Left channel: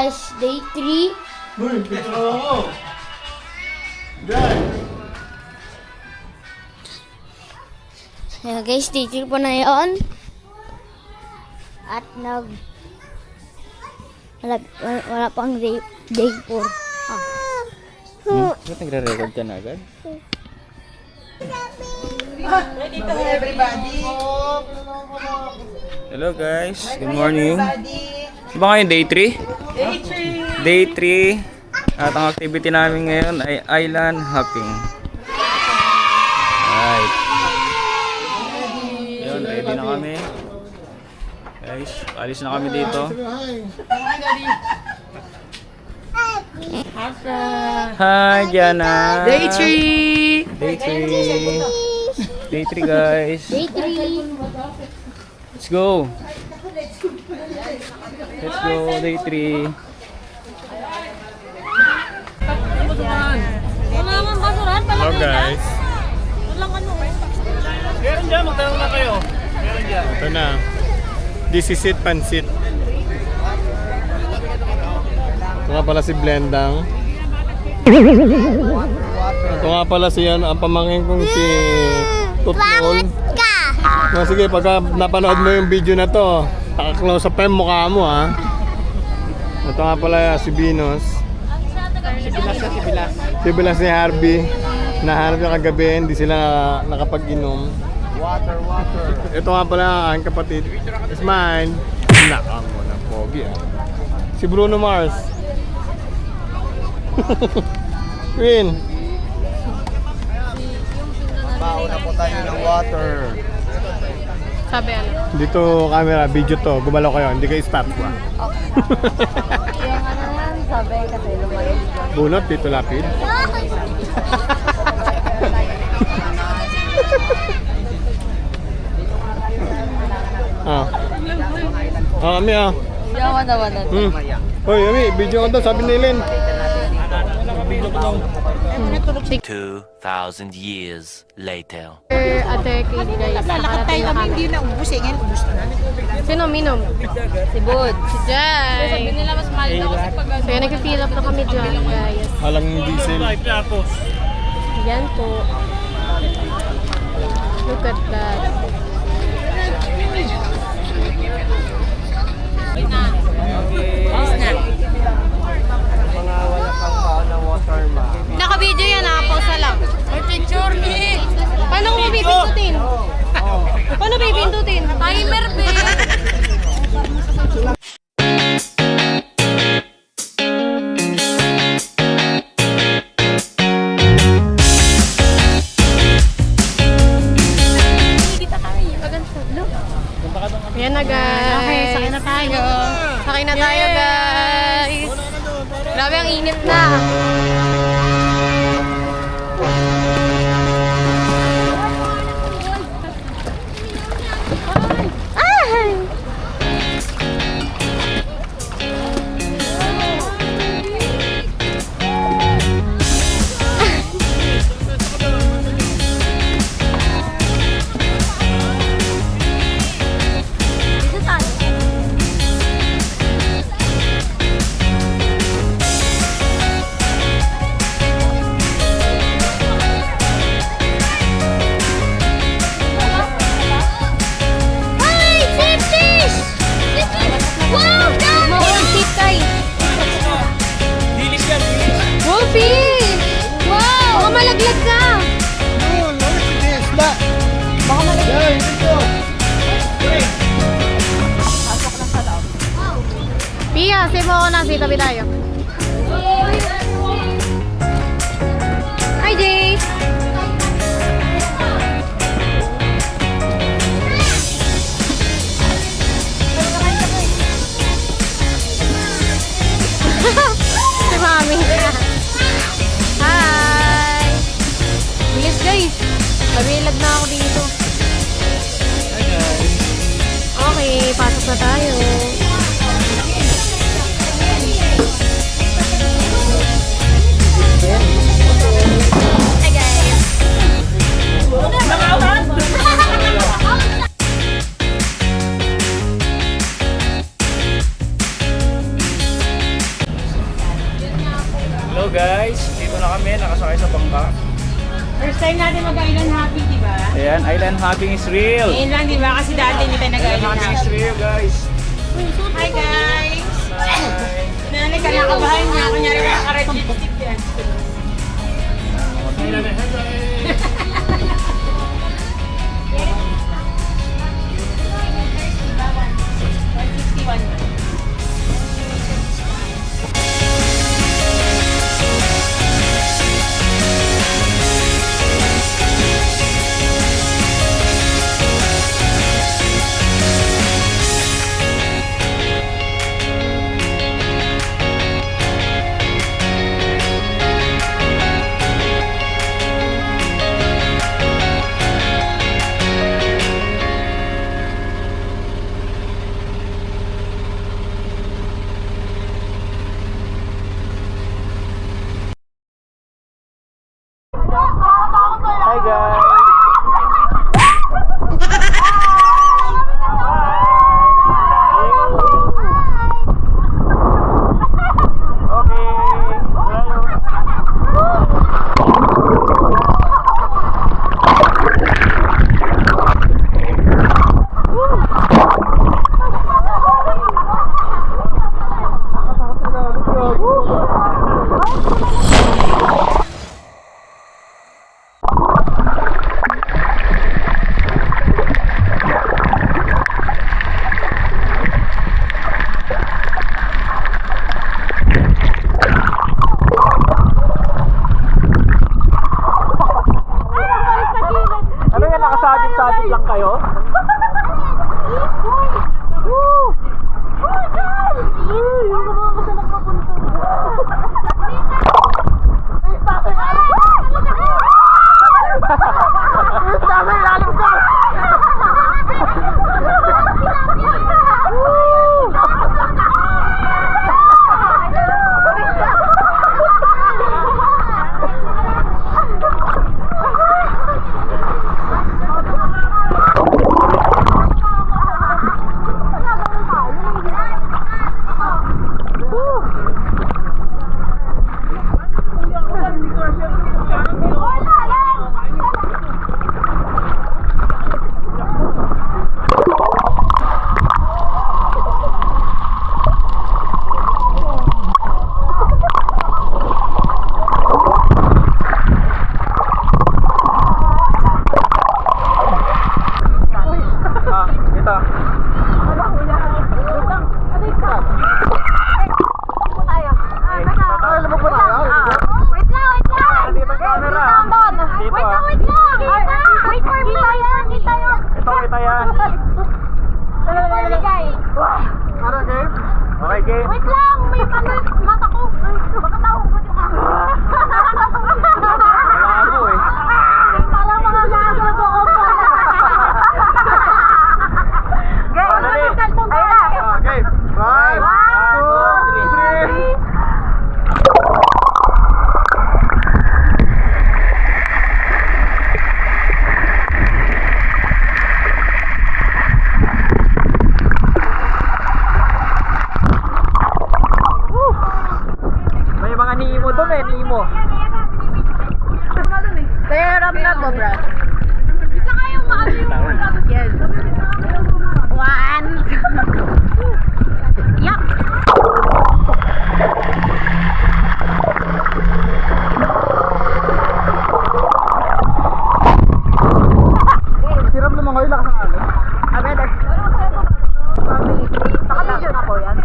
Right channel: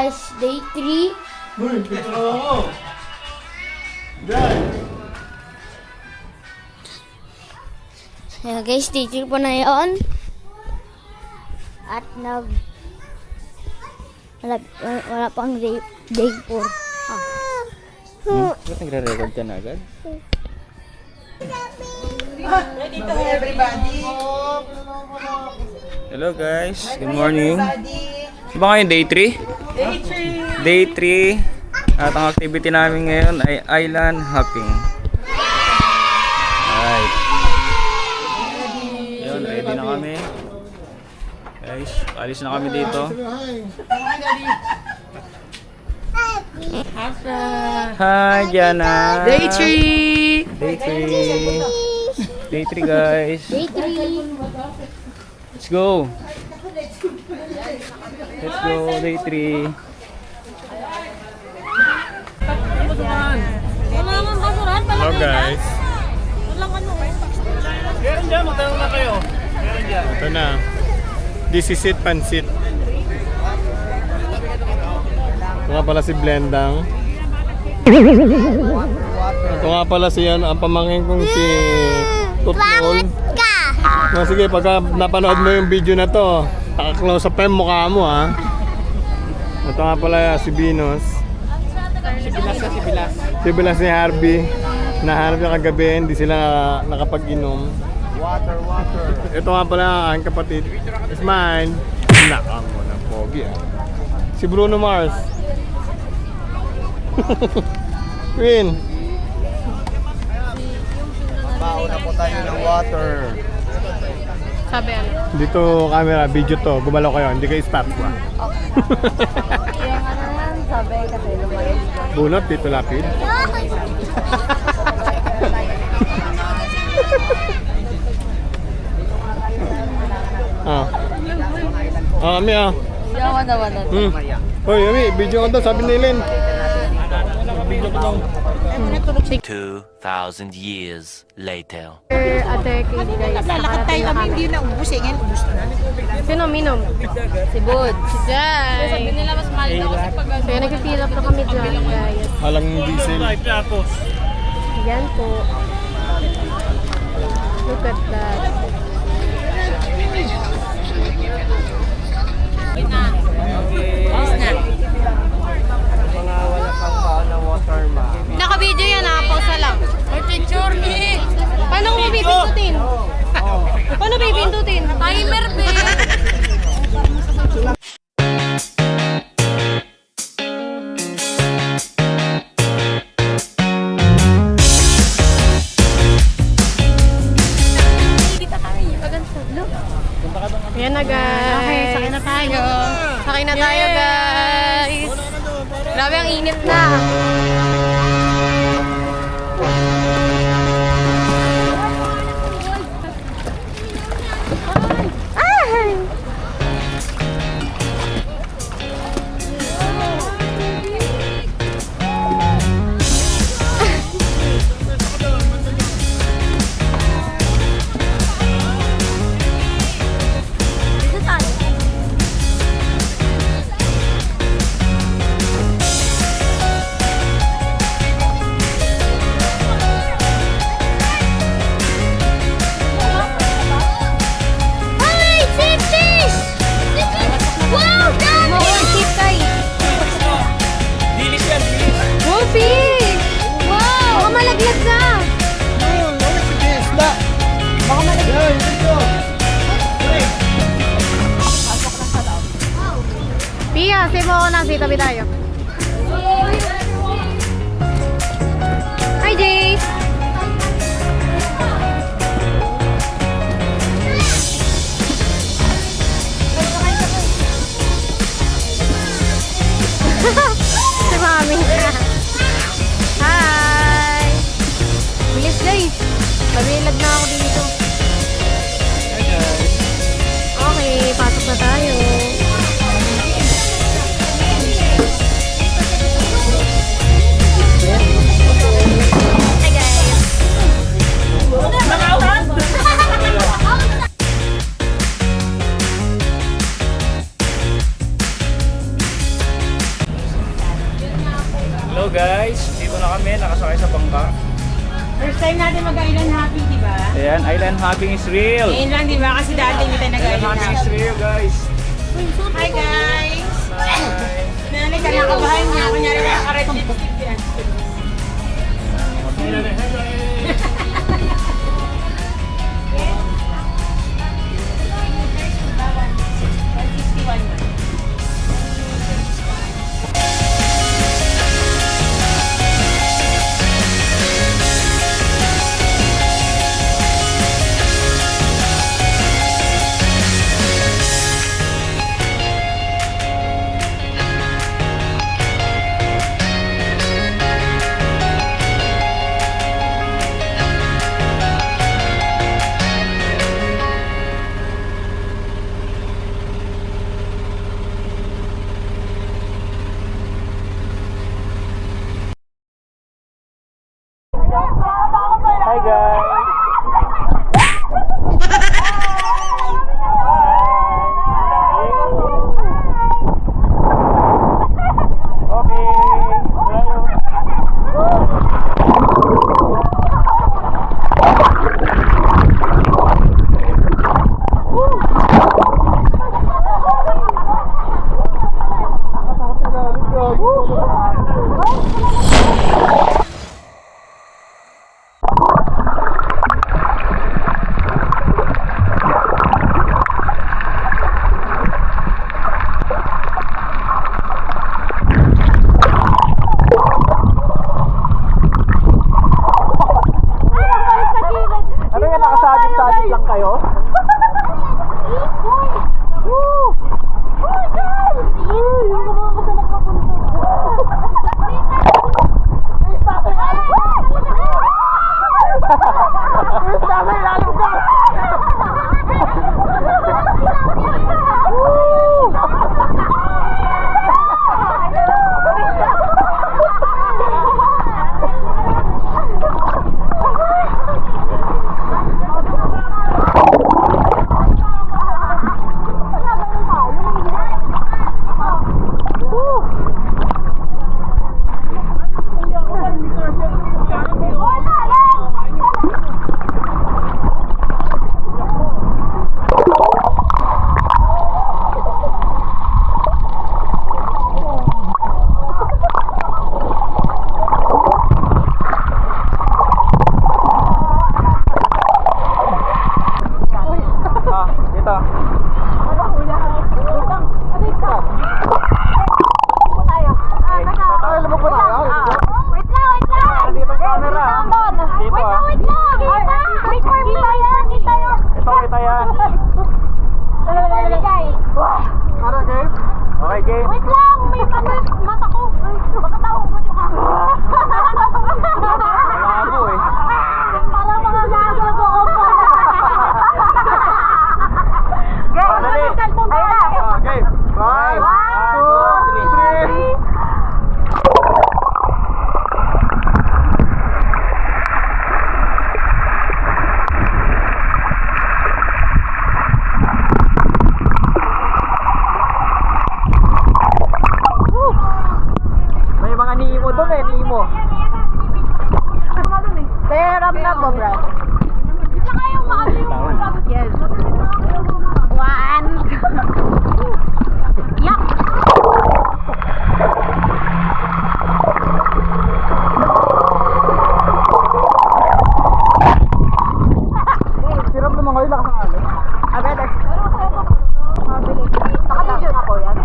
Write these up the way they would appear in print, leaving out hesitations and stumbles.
guys, day 3. Uy, picture ako. Dad. Ayan guys, day 3 po na yun. At wala pang day 4. Ba't nagre-record ka na agad? Hello guys, good morning. Ba ngayon day 3? Day 3. At ang activity namin ngayon ay island hopping. Right. Yun, ready na kami. Guys, alis na kami dito. Hi Jana. Day 3! Day 3. Day 3 guys. Day 3. Let's go. Let's go, day 3. Hello guys. Meron dyan, magtanong na kayo. Meron dyan. Ito na. This is it, pansit. Ito nga pala si Blendang. Ito nga pala si ang pamangkin kong si Tutol. No, sige, pagka napanood mo yung video na to, naka-close up yung mukha mo ha. Ito nga pala si Binos. Si Bilas ni Harvey. Nahanap niya kagabi, hindi sila nakapag-inom. Water. Ito nga pala ang aking kapatid. It's mine. Nakang mo ng pogi ah. Si Bruno Mars. Queen. Mauna po tayo ng water. Sabi ano? Dito camera, video to. Gumalaw kayo, hindi kayo stop ko. Yung ano naman, sabi kasi lumayo. Bunot, dito lapid. Ah. Ah, Ami ah. Yawan naman na. Hoy, Ami, video ko to, sabi ni Lynn. 2,000 years later. A decade guys. Lalakad tayo kami, hindi na ubus eh. Ngayon ubus na. Sino minom? Si Bud. Si Jai. Sabi nila mas mahal daw kasi pag kaya nag-fill up na kami dyan guys. Halang diesel. Yan po. Look at that. Mga wala kang pao na water ma. Naka-video yan ha, pause lang. Picture me! Paano ko pipindutin? Paano pipindutin? Timer, be! Ayan na guys. Okay, sakay na tayo. Sakay na tayo guys. Grabe ang init na. Fish! Wow! Baka malaglag ka! Yun, ulit si Disla. Baka malaglag. Yan, dito. Pia, save mo ako na. Tabi tayo. Hi, Jay! Si Mami. Hi! Bilis guys! Mabilag na ako dito. Hi guys. Okay, pasok na tayo. Hi guys! First time natin mag-island happy, di ba? Ayan, island hopping is real. Ngayon lang, di ba? Kasi dati hindi tayo Island nag-island hopping is happy. real, guys. Hi, guys! Bye. Nanay, kanakabahan niya. Kunyari mga ka-red lipstick yan. Hi, guys. Ano yan, nakasabit-sabit lang kayo? Ito. Dito camera. Dito ah. Ito kita yan. Okay, game. Wait lang, may mata ko. Baka tawag yung camera. Malabo eh. Parang mga gago ko. Okay. Bye. 1, 2, 3. May mga Nemo doon eh, Nemo. Tear up na po, brother. Isa kayong maano yung Yes. 1. yak. Hirap naman kayo, lakas ng alon. Brother. Mabili. Naka-video na po yan.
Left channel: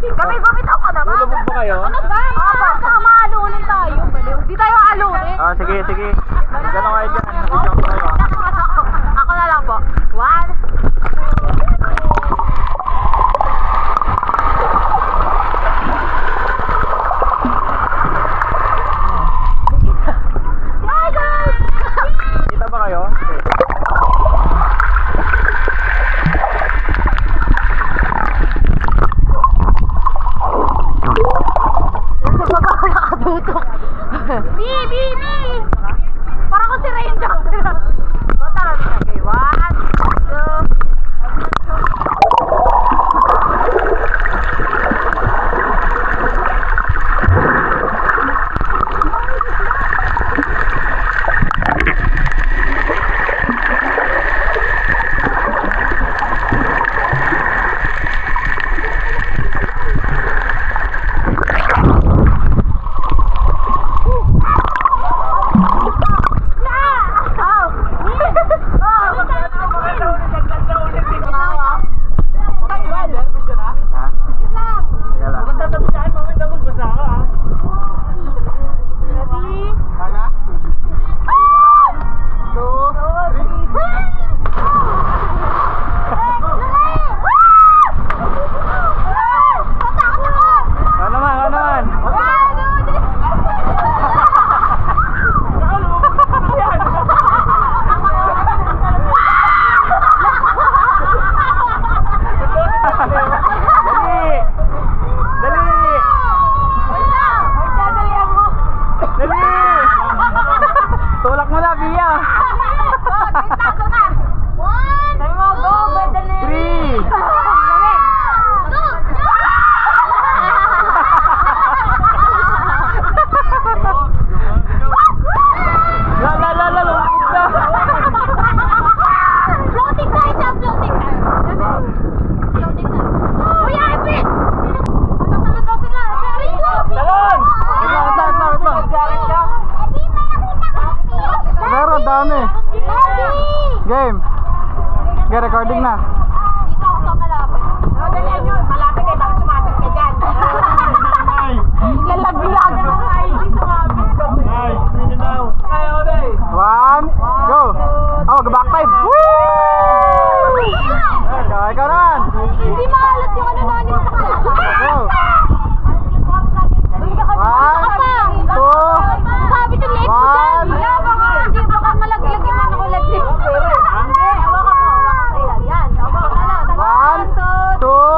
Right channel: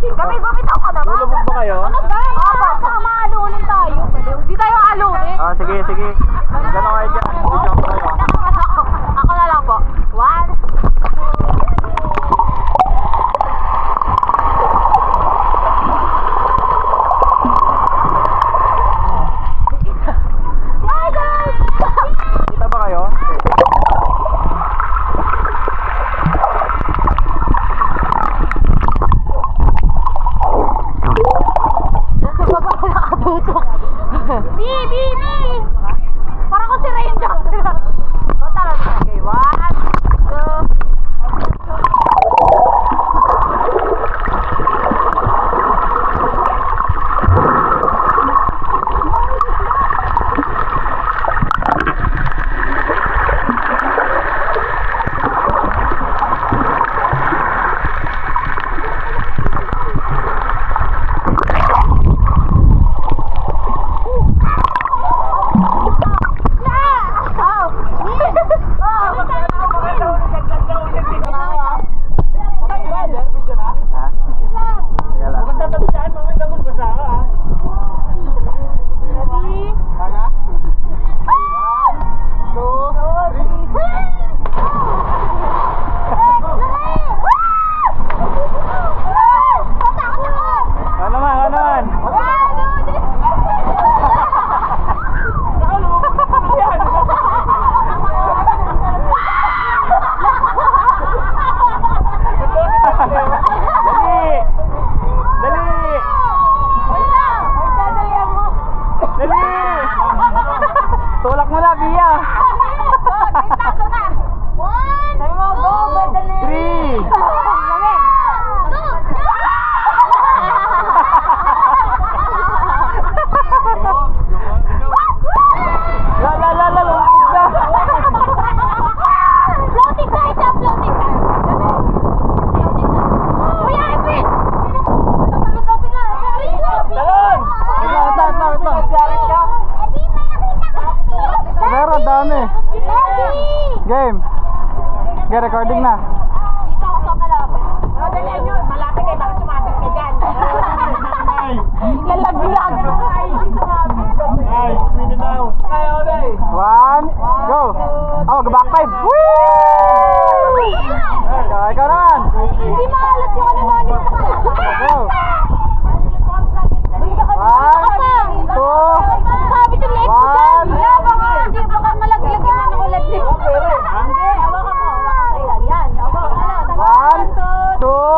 Kami bumitaw ka naman. Lulubog ba kayo? Ano ba? Baka maalunin tayo. Hindi tayo alunin. Sige, sige. Gano'n kayo dyan. Video ko kayo. Ako na lang po. 1. Kita ba kayo? Parang ko si Ranger. Tara, okay. 1, 2. dami. Game. Okay, recording na. Dito ako sa malapit. Dali nyo, malapit eh, baka sumabit ka dyan. Lalaglag. One, go! Oh, back five! Woo! Ikaw naman! Hindi maalat yung anonymous sa kanila. Go! One, two, Sabi yung leg mo dyan. Baka hindi, baka malaglag yung ano ko leg mo. Hindi, hawakan mo. Hawakan mo yan. Yan. one, two,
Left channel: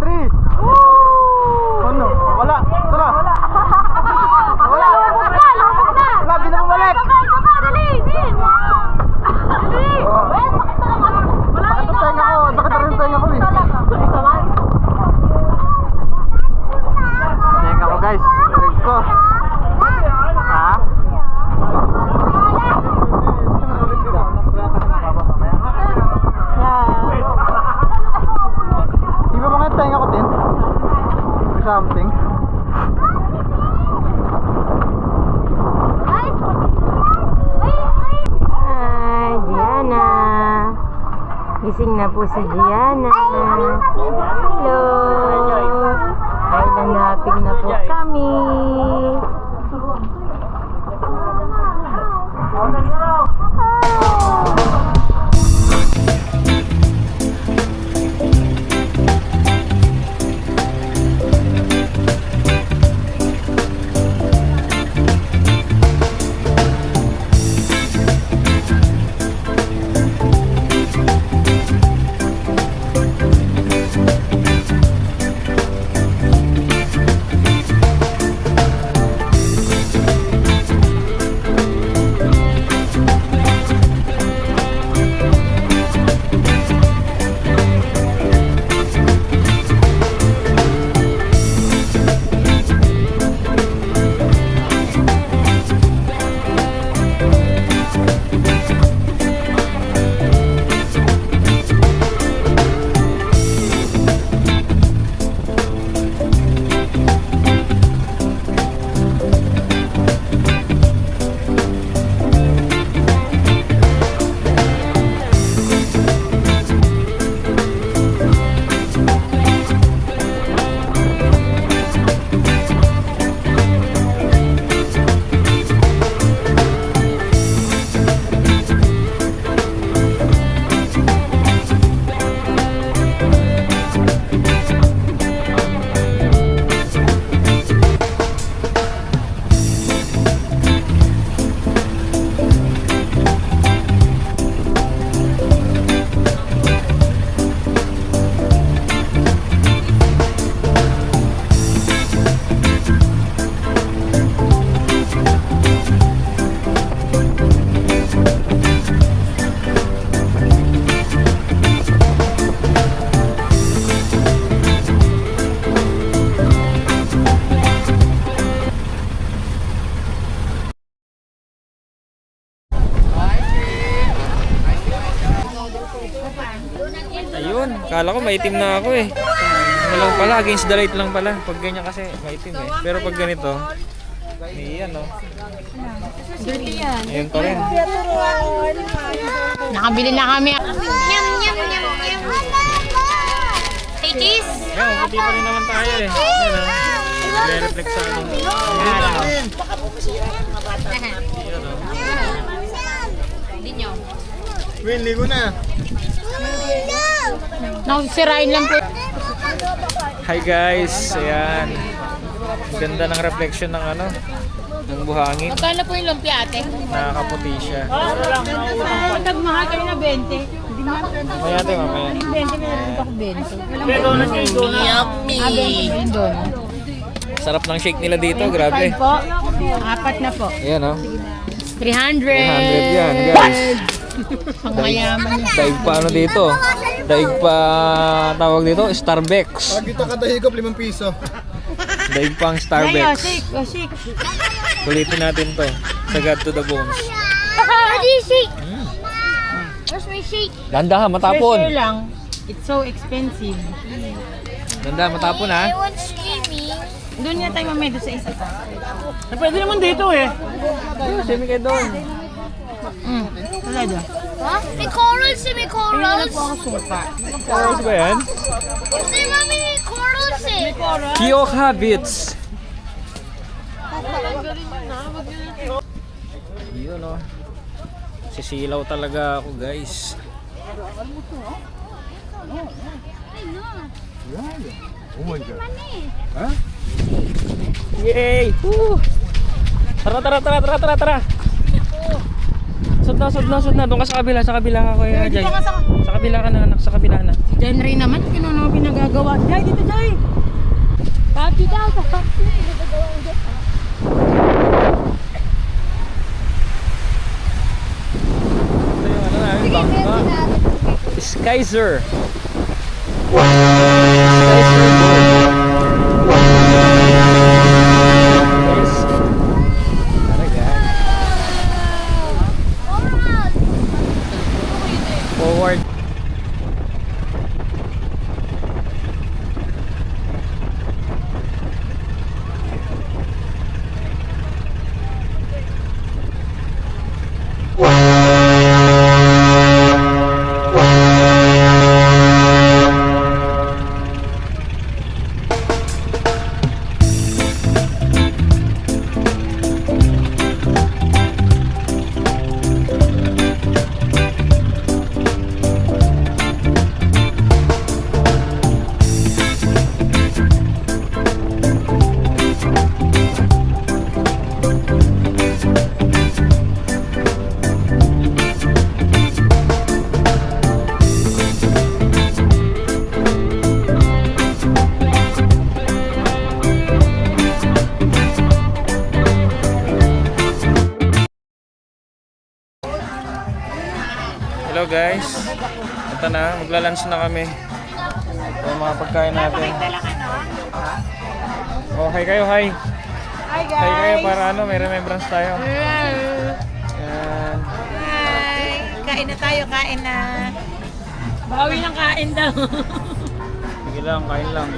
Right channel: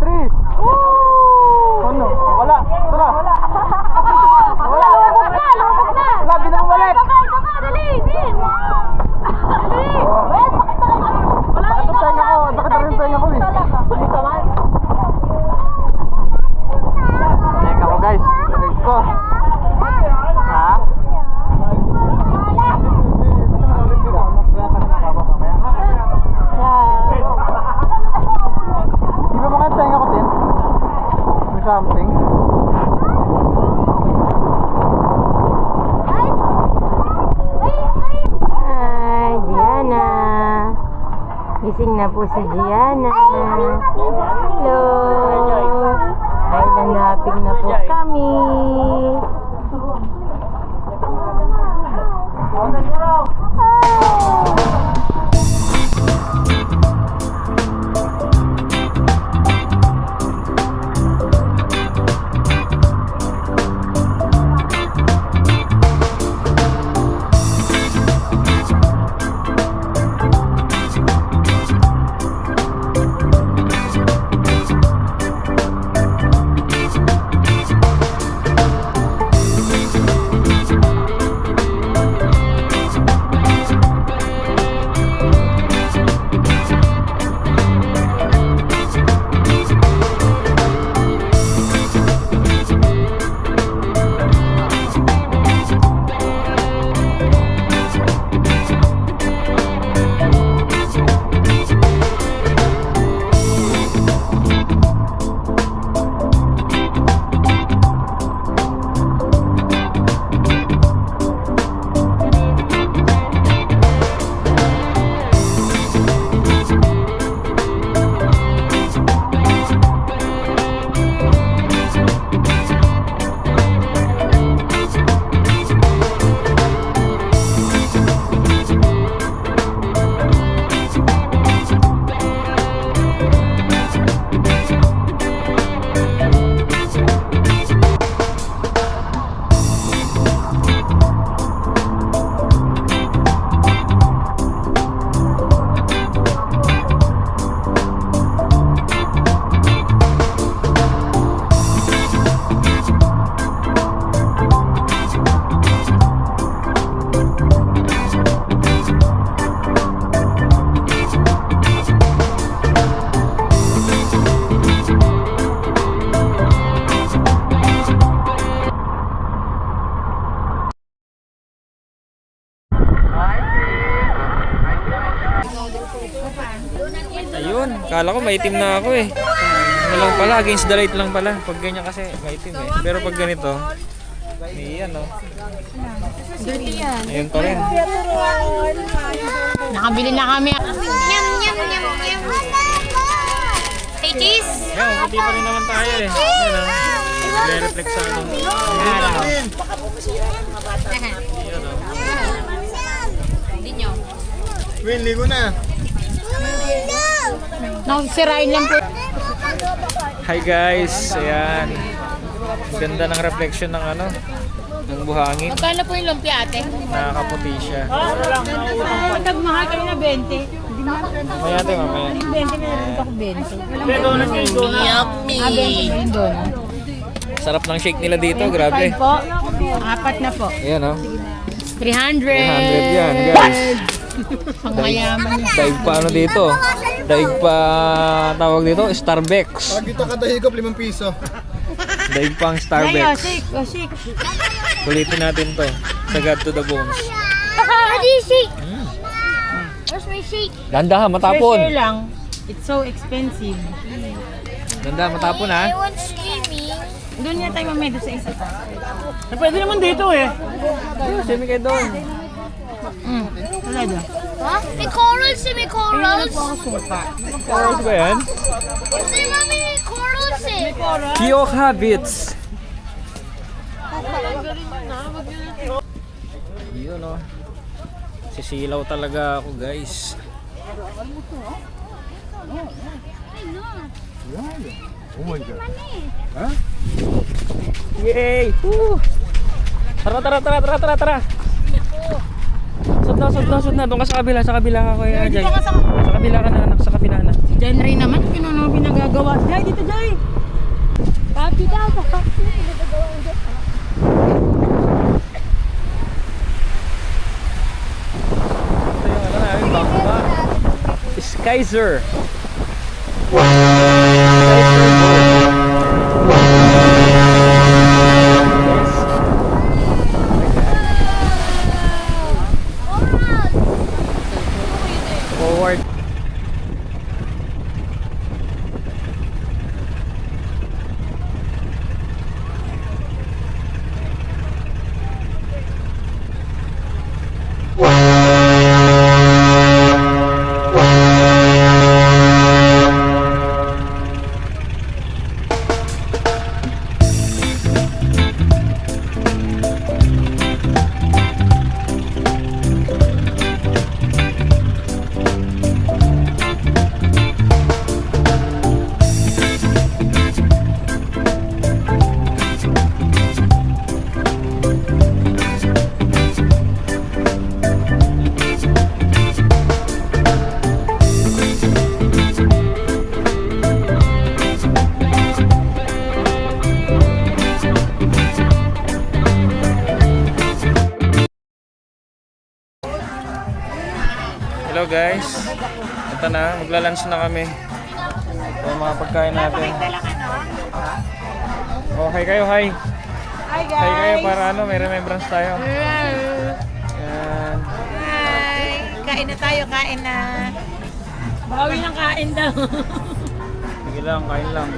three! Oh no, wala! Sala! Wala! Lumot na, lumot na. Wala, di na bumalik! Baka, dali, Vin. Dali. Well, sakit na lang ako. Wala Sakit ang tenga ko, sakit na rin ang tenga ko eh. Ito man. Tenga ko guys, leg ko. Ha? Di ba mga tenga ko din? May something? Hi, Gianna. Gising na po si Gianna. Hello. Ay, nanapig na po kami. Ayun, kala ko maitim na ako eh. Ano lang pala, against the light lang pala. Pag ganyan kasi maitim eh. Pero pag ganito, yan oh. Dirty yan. Ayun pa rin. Nakabili na kami. Yum, yum, yum, yum. Hey, cheese! Yan, puti pa rin naman tayo eh. Yan ah. Nagre-reflect sa ano. Hindi nyo. Win, ligo na. Nakasirain lang po. Hi guys, ayan. Ganda ng reflection ng ano, ng buhangin. Magkano po yung lumpia ate? Nakakaputi siya. Nagmahal kayo na 20. Mamaya ate, mamaya. 20 meron ako 20. Yummy! Sarap ng shake nila dito, grabe. Po, apat na po. Ayan oh. 300. 300 yan guys. Pangmayaman. Daig pa ano dito? Daig pa tawag dito, Starbucks. Pag ito kadahigop, 5 piso. Daig pa ang Starbucks. Ulitin natin to. Sagad to the bones. Daddy, shake! Where's my shake? Ganda ha, matapon. Share lang. It's so expensive. Ganda, matapon ha. I want streaming. Doon niya tayo mamaya doon sa isa. Pwede naman dito eh. Semi kayo doon. Ha? May corals eh, may corals. Corals ba yan? Kasi mami, may corals eh. Kiyok Habits. Yun oh. Sisilaw talaga ako guys. Yay! Woo! Tara. Sud na. Doon ka sa kabila ka kuya Jay. Sa kabila ka na anak, sa kabila na. Diyan rin naman, pinano pinagagawa. Jay, dito Jay! Papi daw, papi. Ito yung ano namin, bangka. Skyzer. Forward. Hello guys. Ito na, magla-lunch na kami. Ito yung mga pagkain natin. Oh, hi kayo, hi. Hi guys! Hi kayo para ano, may remembrance tayo. Yan. Hi! Kain na tayo, kain na. Bawi ng kain daw. Sige lang, kain lang.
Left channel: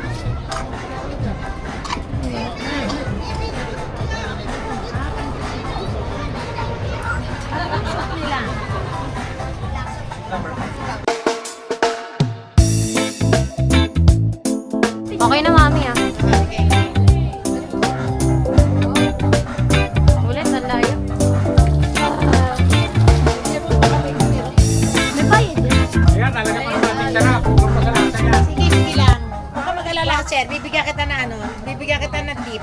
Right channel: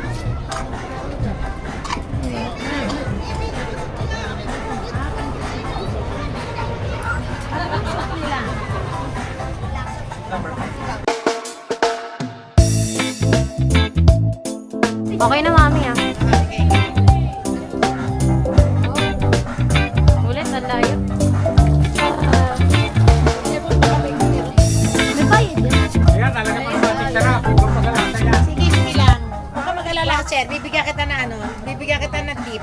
Okay na mami ah. Ulit, ang layo. May bayad yan. Sige lang. Huwag ka mag-alala, sir. Bibigyan kita na tip.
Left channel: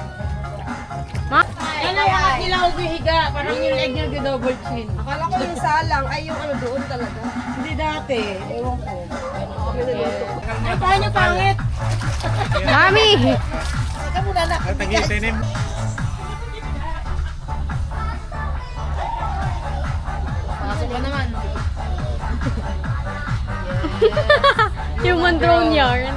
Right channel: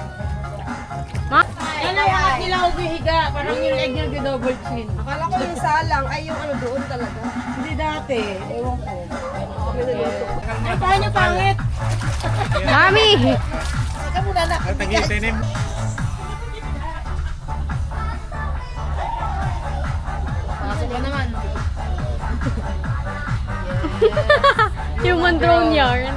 Yan ang mga nila ubihiga. Parang yung leg niya double chin. Akala ko yung salang ay yung ano doon talaga. Hindi dati. Ewan ko. Ay, paano pangit? Mami! Teka muna na. Tagitinim. Pasok ka naman. Human drone yarn.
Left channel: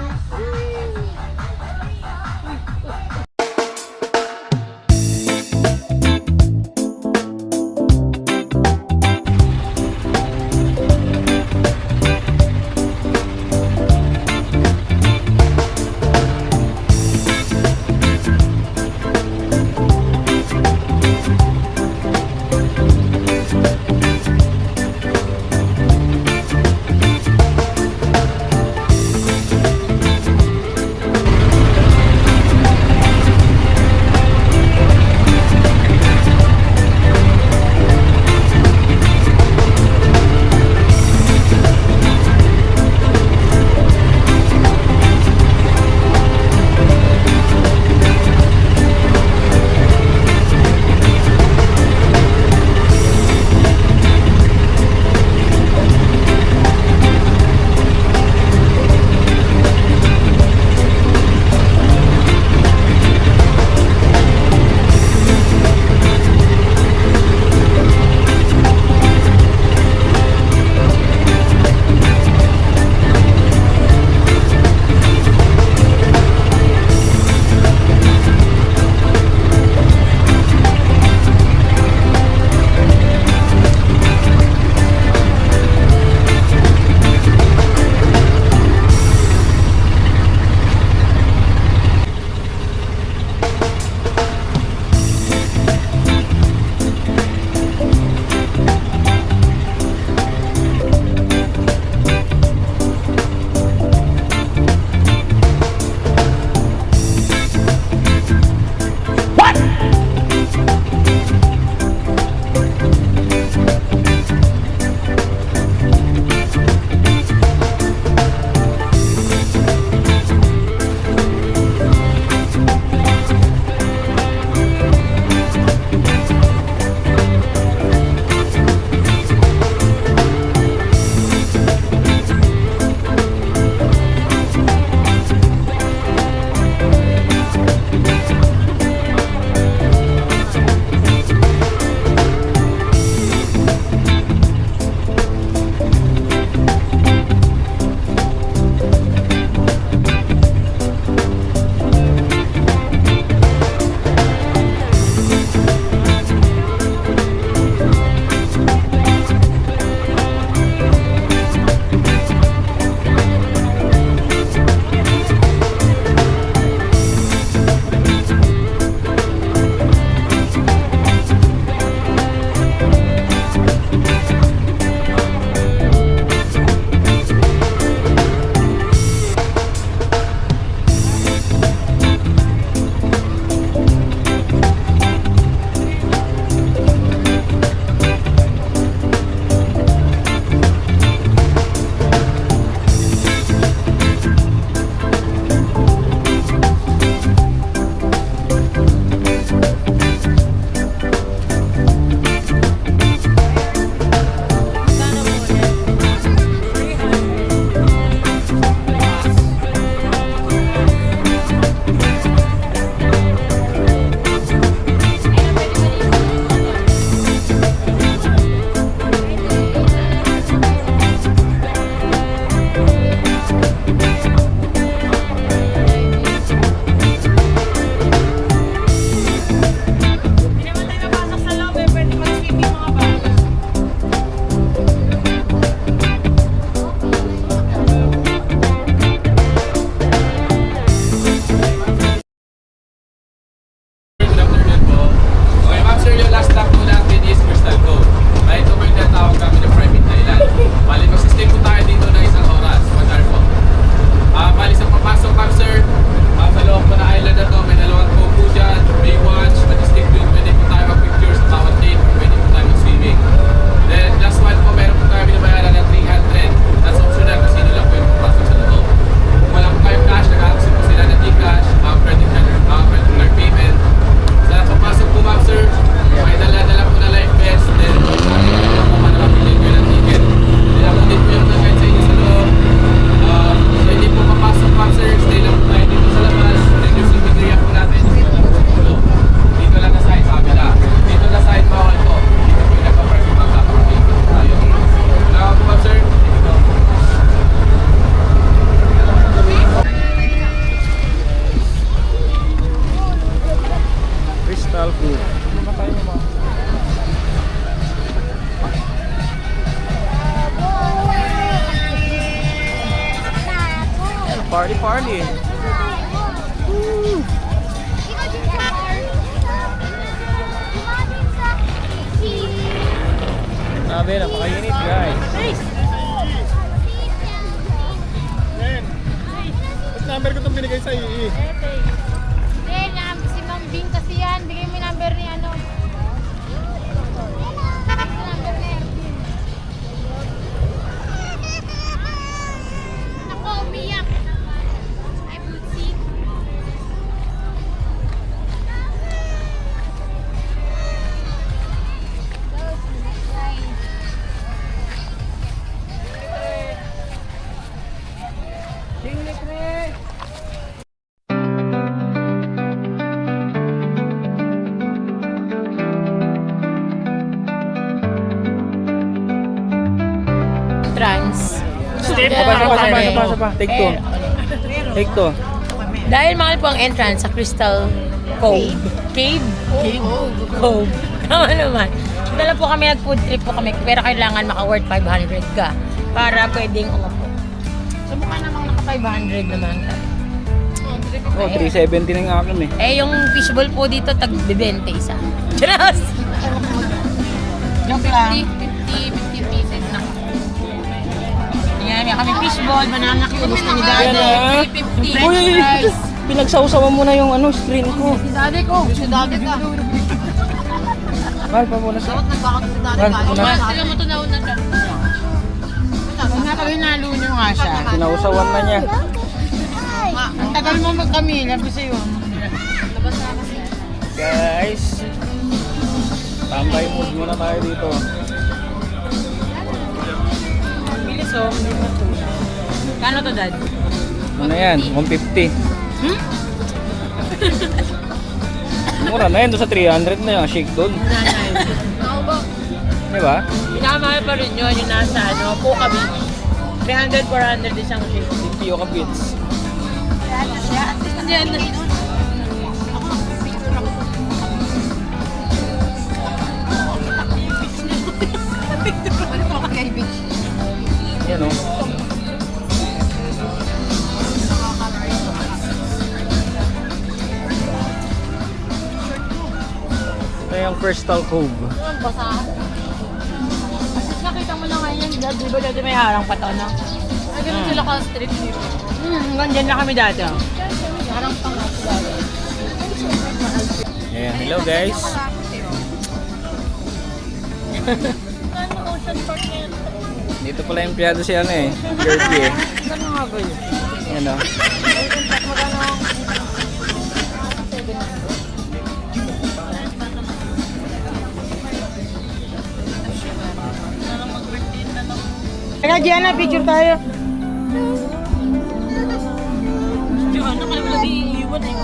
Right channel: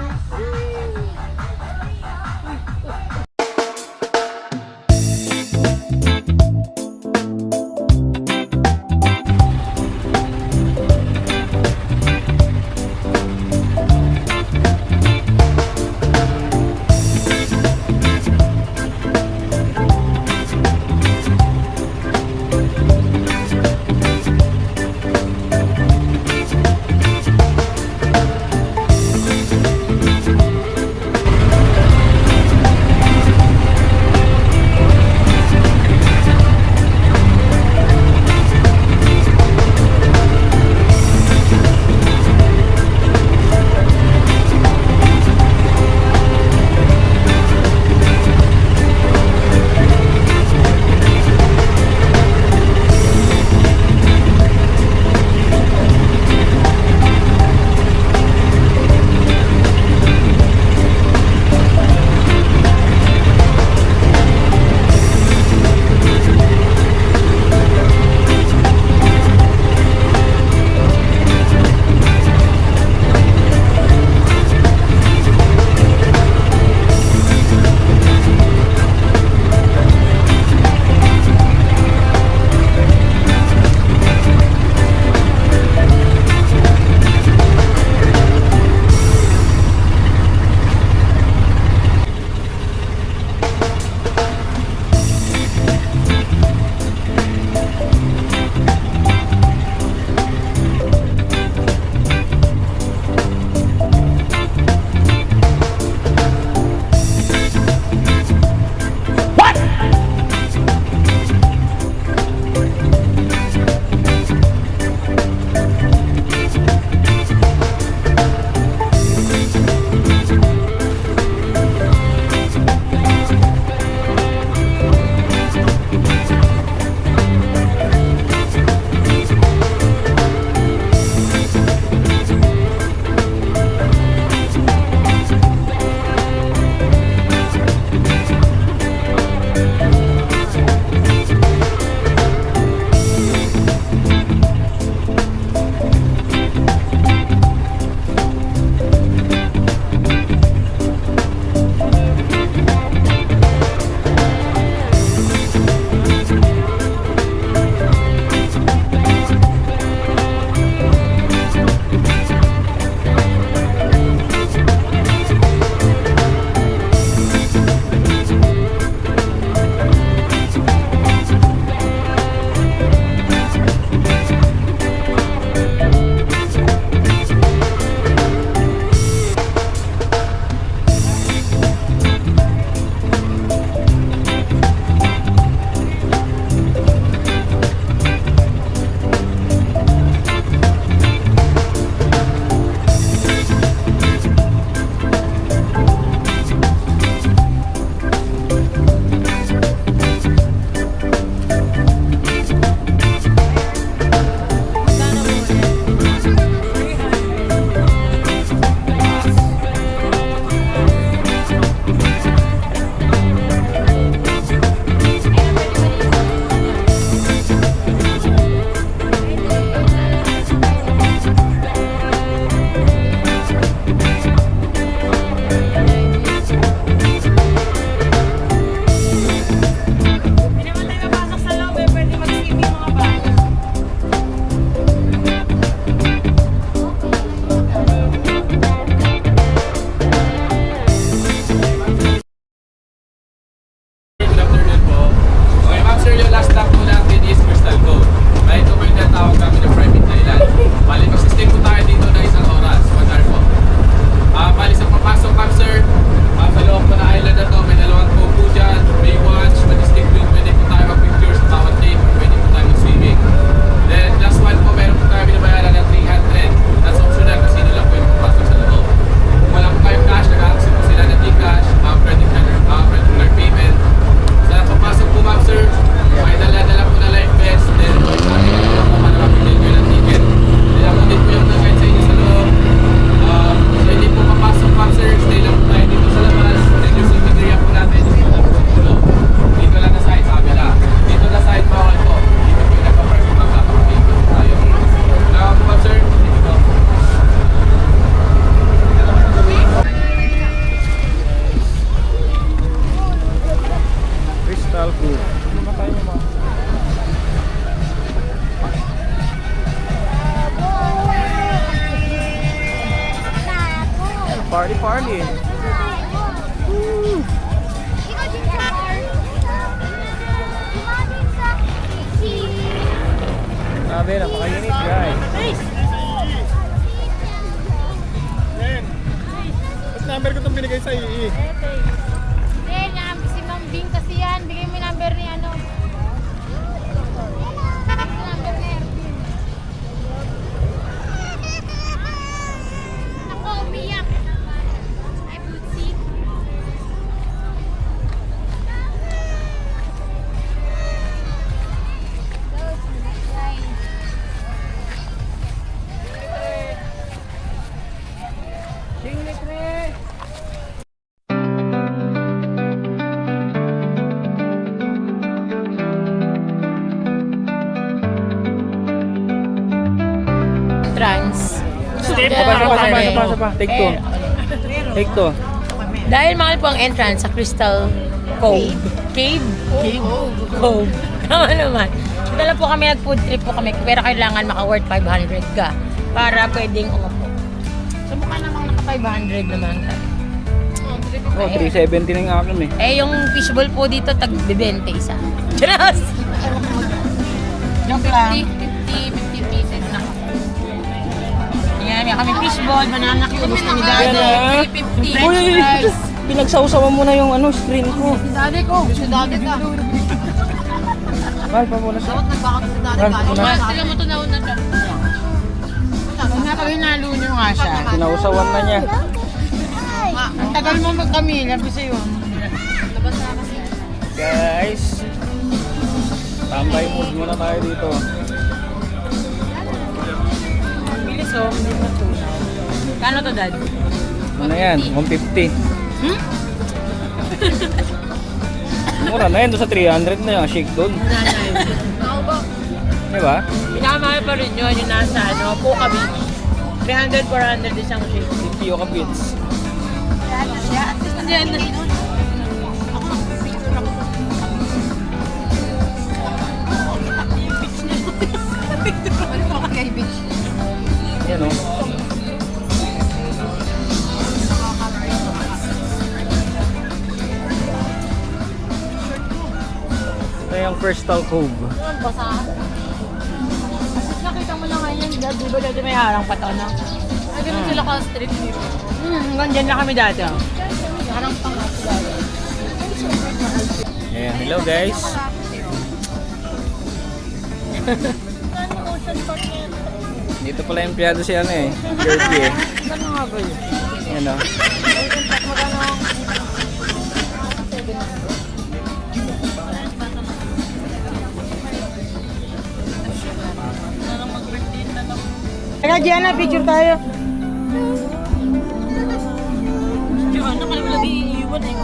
Party, party. Ikaw din sa bar. Tumawin sa Sabi, napakainit guys. Len, ba't number ko itong binigay sa II? Si Ma'am Bing kasi yan. Bigay mo yung number ni ano. Number ni Erwin. Ako, umiyak. Ay, puti. Trans. Sapa. Take two. Take two. Dahil mahal po ang entrance sa Crystal Cove. Cave? Cove. Tama naman. Dala po kami, nag-food trip po kami, pero kailangan maka-worth 500 ka para pwedeng umupo. So mukha namang naka-500 naman tayo. Oh, 370 na yung akin eh. Eh, yung fishball po dito, tag-20 isa. Cheers! Joke lang. 50 pieces na. Tingnan, may kami fishball, banana cue, gusto ni Daddy. Yan, 350. Uy, pinagsawsawan mo na yung screen ko. Si Daddy ko. Si Daddy ka. Mahal pa muna sa... Dapat nagbakat si Daddy Mahal, ka. mahal. Sila mo tunaw na siya. Huwag na pag hinalo niyo nga siya. Pinausawan na niya. Ang tagal mo magkamil, sabi sa'yo. Guys, tambay mood muna tayo dito. Bilis oh, hindi matunaw. Kano to, Dad? Ano yan? 150. Mura na yan, doon sa 300 na yung shake doon. Di ba? Pinakamahal pa rin yun, yung nasa Puka Beach. 300, 400 isang shake. 50 yung kapits. Diyan na. Yan o. Ito yung Crystal Cove. Nakita mo na ngayon, Dad, di ba dati may harang pa to, no? Ay, ganun sila ka street view. Hanggang dyan na kami dati, oh. Harang pa nga sila. Ayan, hello guys. Dito pala yung empleyado si Kirby eh. Ano nga ba yun? Ayan o. Kaya Gianna, picture tayo. Gianna, kaya wala iiwan eh.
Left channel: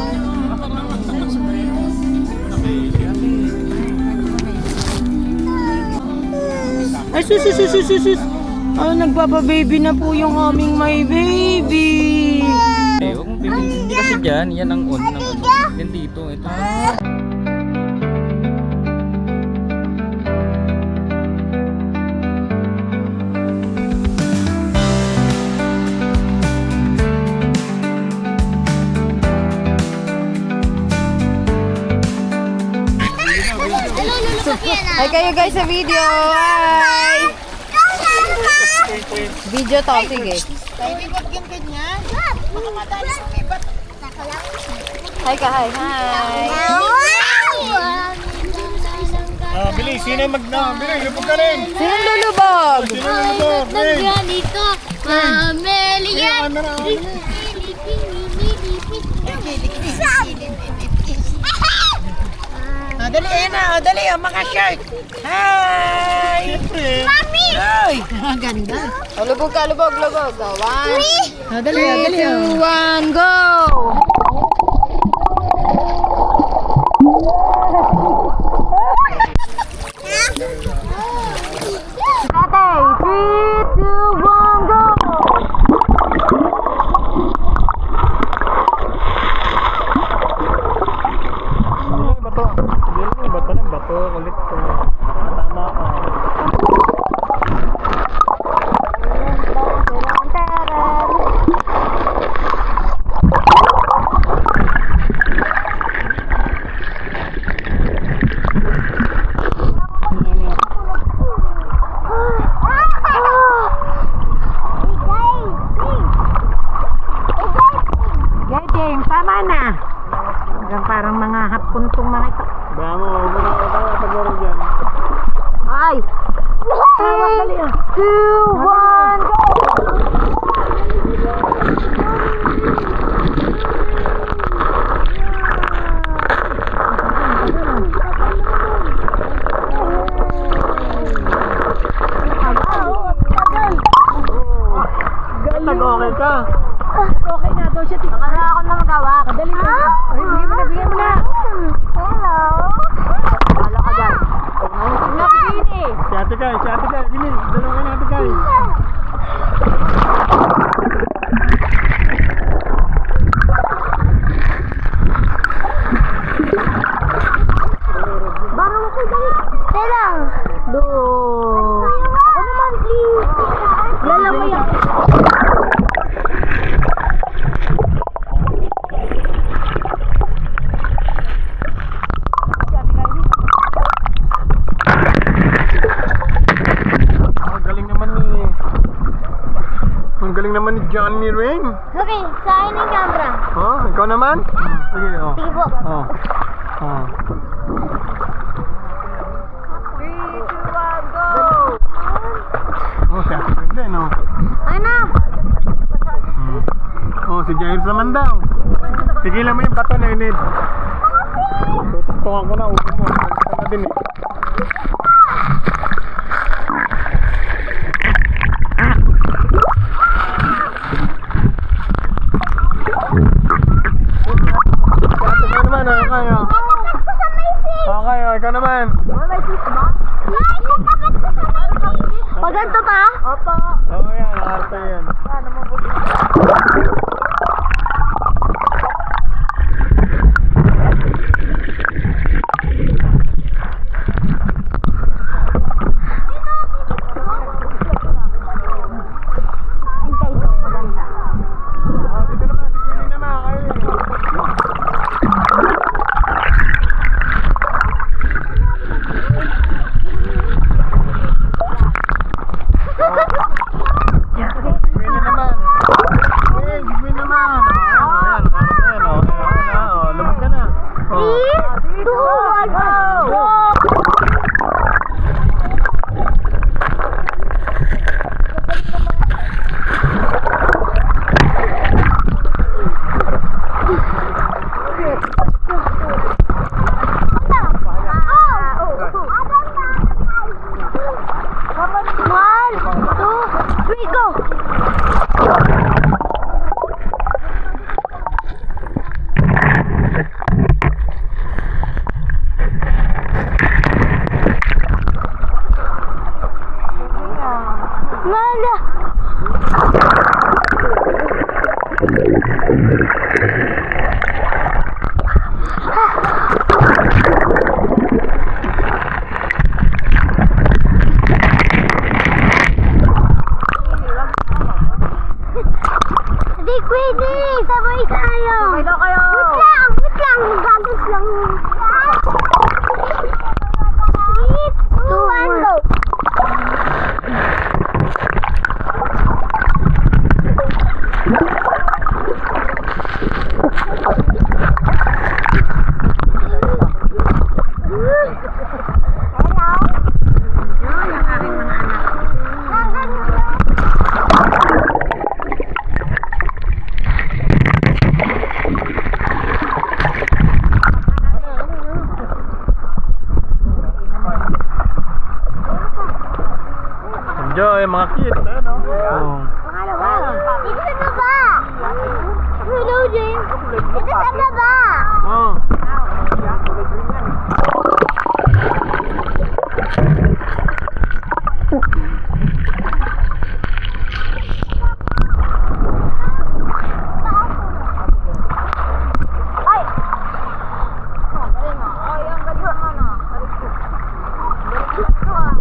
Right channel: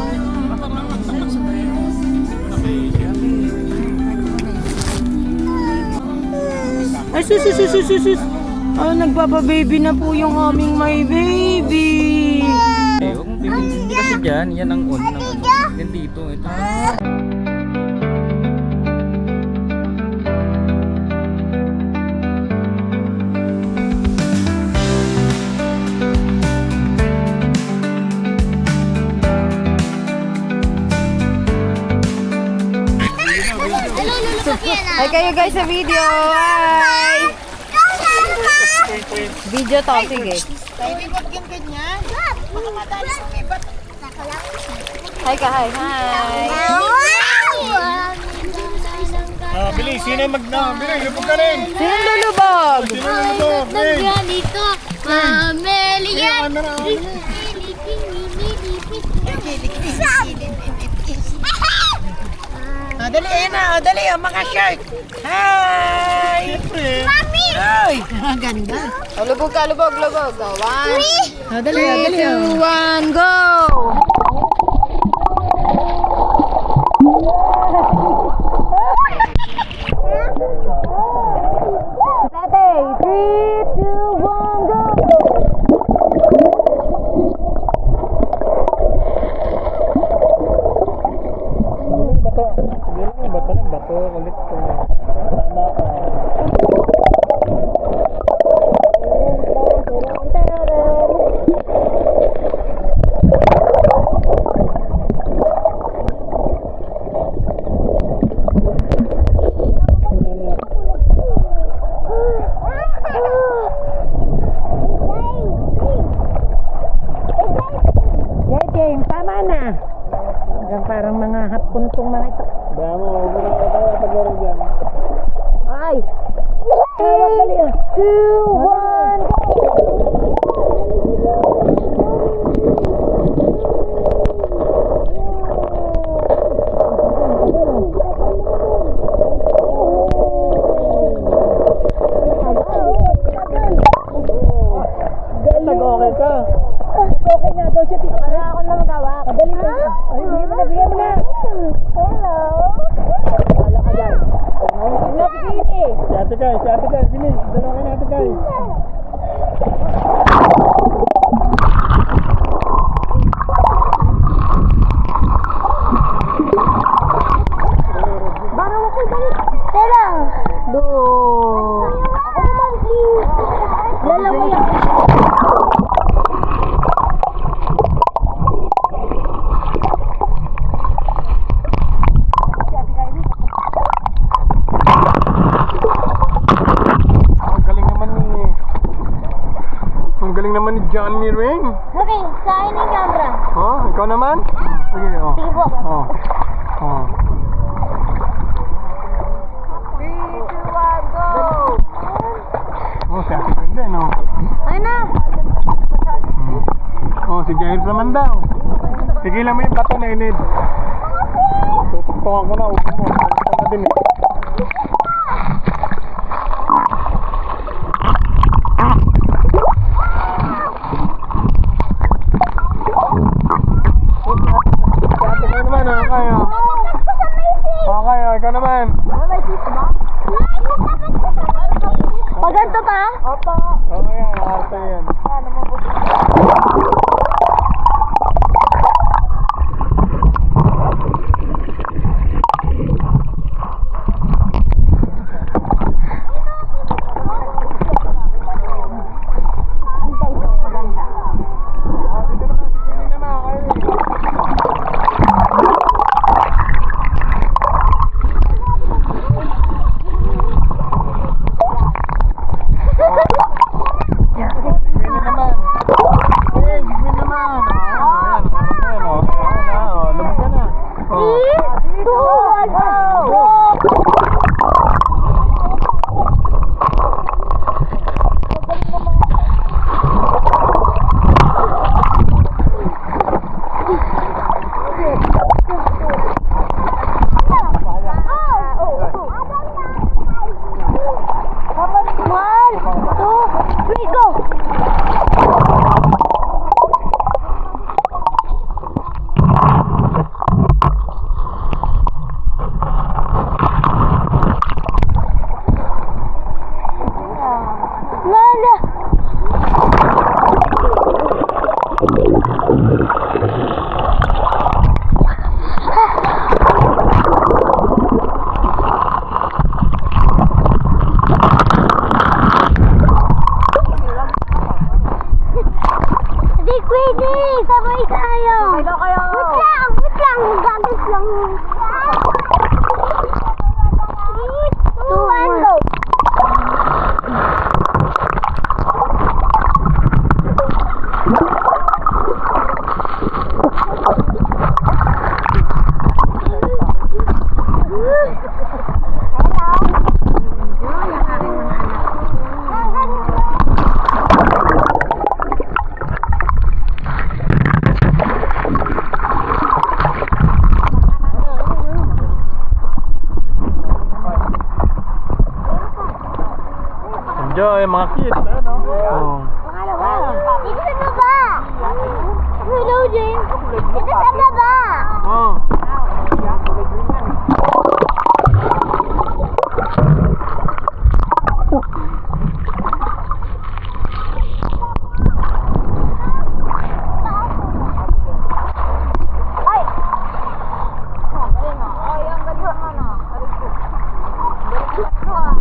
Ay, sus. Ah, nagpapa-baby na po yung aming my baby. Eh, huwag mong hindi kasi dyan. Yan ang on. Yan dito. Ito. Hi kayo guys sa video. Hi! Video to, sige. Hi ka, hi. Bilis, sino yung bilis, lubog ka rin. Sinong lulubog? Sino yung lubog? Ren. Ganito, Amelia. Dali, ayan na. Dali, mga shark. Hi! Mami! Hi! Oh, lubog ka, lubog. Oh, 1, 3, 2, 1, go! Tatay, 3, 2, 1, go! Bato, kulit ko. Tama ka. gustong makita. Baya mo, huwag mo na kaya pag-laro dyan. Ay! Hawak dali ah. 2, 1, go! Nag-okay ka. Okay na daw siya. Wala ako na magawa. Kadali mo. Ay, bigyan mo na. Hello. Wala ka dyan. Wala ka dyan eh. Si Ate Kai, gini. Dalawa kayo ni Ate Kai. Baraw ako dali. Tela. Do. Ako naman, please. Lala mo yan. Ang galing naman ni Johnny Ring. Okay, sa akin yung camera. Oh, ikaw naman? Sige, oh. Sige po. Oh. Oh. 3, 2, 1, go! Oh, si Ate Kai din, oh. Ayun na. Oh, si Jair naman daw. Tigilan mo yung bato na inid. Tututukan ko na, upo mo. Tutukan na din eh. Ikaw naman, kaya. Okay, ikaw naman. Pag ganito pa? Oo, yan, nakarte yan. Dito naman, si Queenie naman, kayo. Queenie naman. Hey, si Queenie naman. Ayan, parang na yan, oh. Ayan na, oh. Lumag ka na. Oh. 3, 2, 1, go! One, 2, 3, go! Mala! Hindi pwede! Sabay tayo! Sabay daw kayo! Wait lang! Gagas lang! 3, 2, 1, go! Enjoy, mga kids. Ano? Oh. Ito sa baba! Hello, James! Ito sa baba! Oh. Ay! Ang galing ah. Ay, ang galing naman ah. Galing ko. Galing ko ito ah.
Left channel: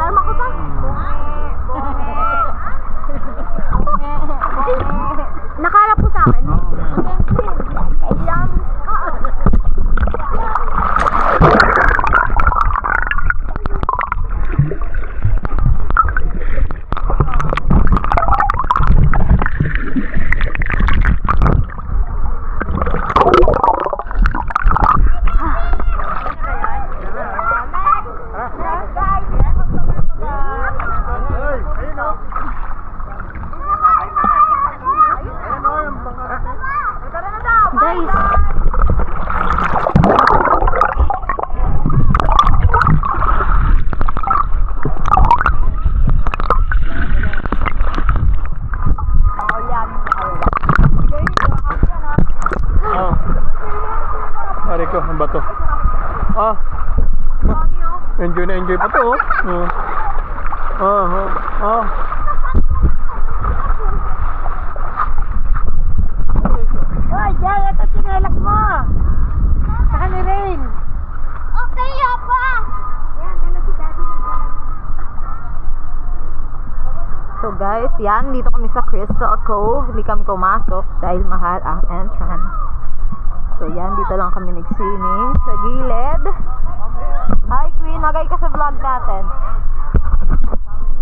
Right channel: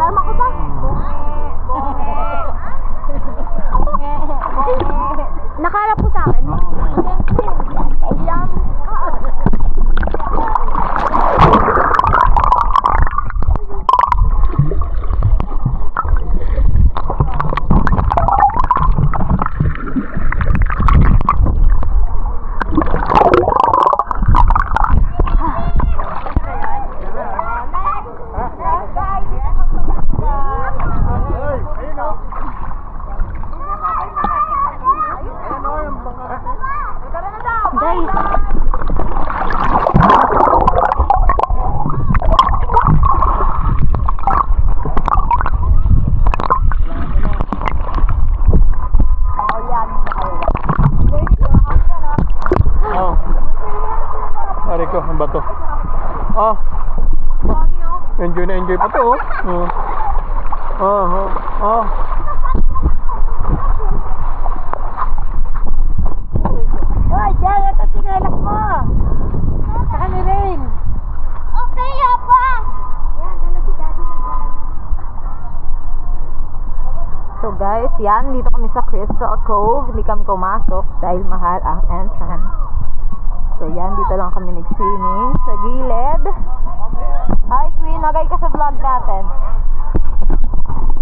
Tarma ko pa? Ari ko, ang bato. Ah. Enjoy na enjoy pa to, oh. Ah. Hoy, Jay, ito chinelas mo. Saka ni Rain. Okay, apa. So guys, yan, dito kami sa Crystal Cove. Hindi kami pumasok dahil mahal ang entrance. So yan, dito lang kami nag-swimming sa gilid. Hi Queen, nagay ka sa vlog natin.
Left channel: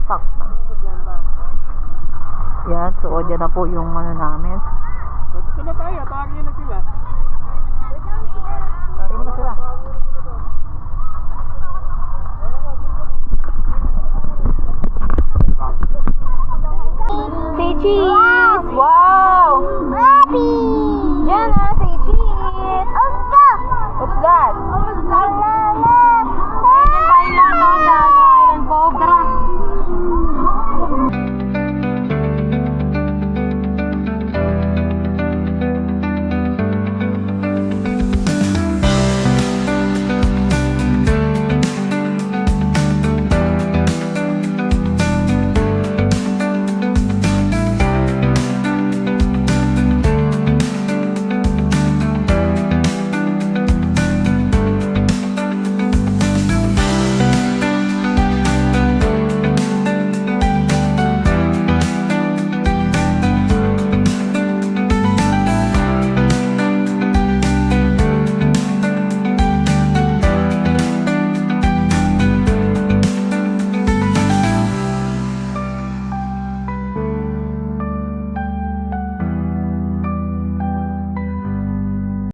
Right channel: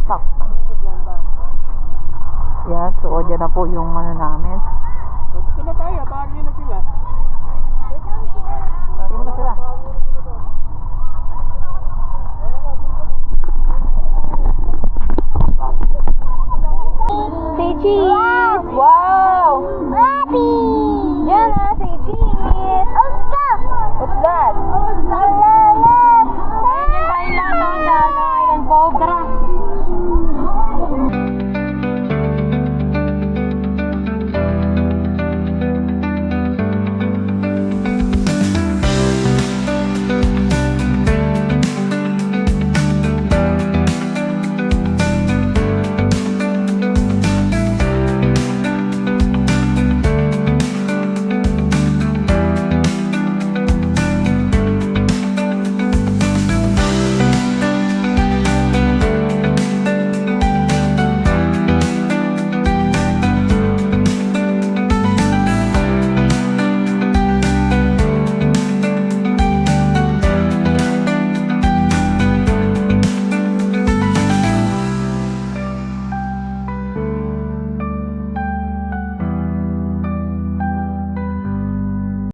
Takpan. Yan, so dyan na po yung ano namin. Dito na tayo, tawagin na sila.